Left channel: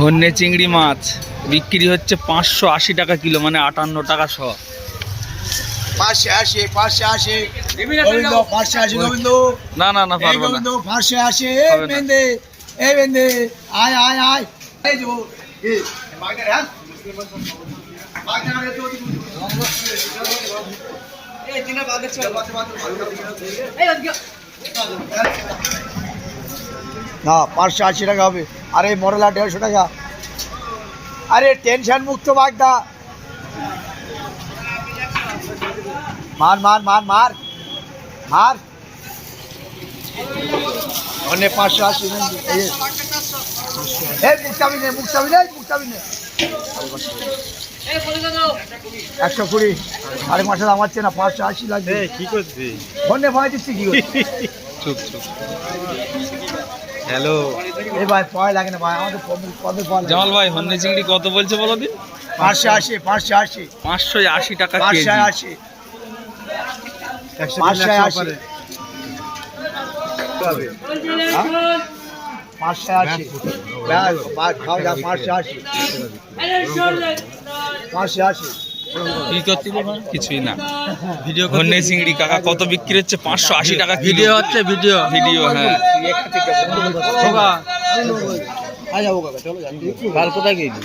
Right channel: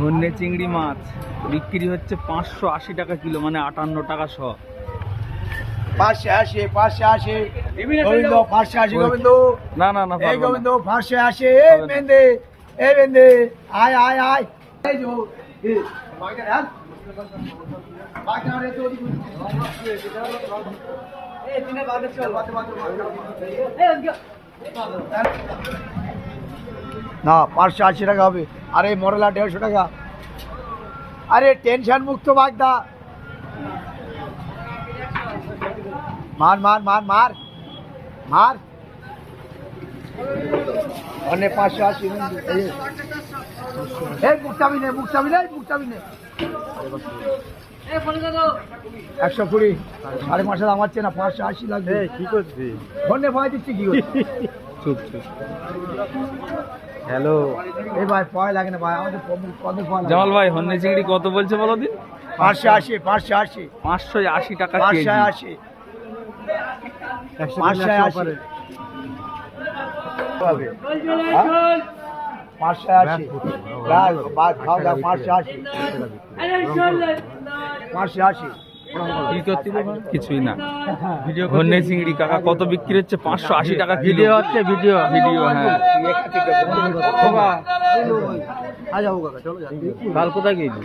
হন্যে চিংড়ি মাছ বিক্রি হচ্ছে 580 টাকা কিলো, মানে 58 টাকা শ। 580 গোবিন্দ। না না না, পারবো না। গোবিন্দ 580 বেন্দে আয় আয় আয় এই যে বাগদার হ্যাঁ বাগদার আগে তো এই তিনটা বাগদার চল এই না 580 টাকা হবে। আরে মরলা 150 টাকা। আরে টেনশন মুক্ত বাগদা। মার মার মার মার মার অনে 580 এই মুক্তাবি নে 120। আরে মাসে দাম হচ্ছে না 580 লাগবে। কি করবি? ফোনে ভয় দিচ্ছি কি করবি? চুপ চুপ। হ্যালো এই ভাই ভয় লাগে না ভাই, আমাদের কবে ভয় লাগে? জামাল ভাই, হন্যে চিংড়ি কত বলছে বলো দিন? 580 580 টাকা কেজি। 580 কি করতে কিছুই না। হন্যে চিংড়ি কাকা কত বিক্রি হচ্ছে? 580 টাকা ভিডিও হচ্ছে। ভিডিও হ্যাঁ। কাল কোথায় গেলি?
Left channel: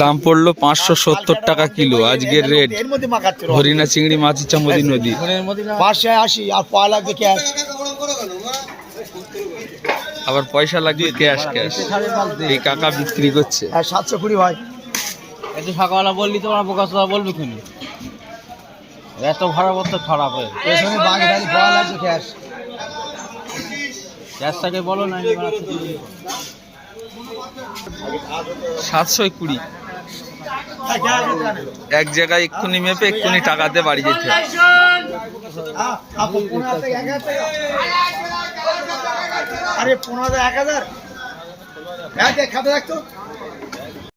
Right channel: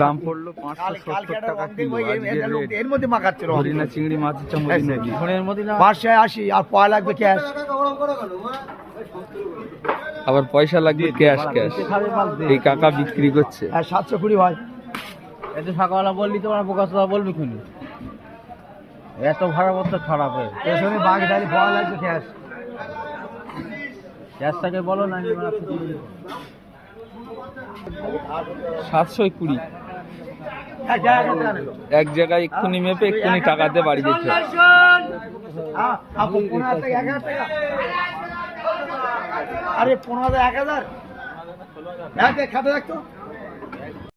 দাম পড়লো 570 টাকা কিলো আজকের রেট। হরিণা চিংড়ি মাছ চামুদি নদী 580 আর পয়সা লাগবে ক্যাশ। আবার পয়সা লাগবে ক্যাশ। এই কাকা বিক্রি করছে 720 ভাই। এত সকালবেলা বললি তো আমার বোকা সোয়া বলবে কিনি, এত ভাড়া তো খারাপ হয়। পেছনে বাগদারি পয়সা লাগবে ক্যাশ। গ্যাসটাকে বলো না 720। এক জায়গায় এক্ষুনি মেপে এক্ষুনি টাকা দিয়ে বাড়ি যেতে হবে। আরে 15,000 1000 খাতে রাখতো।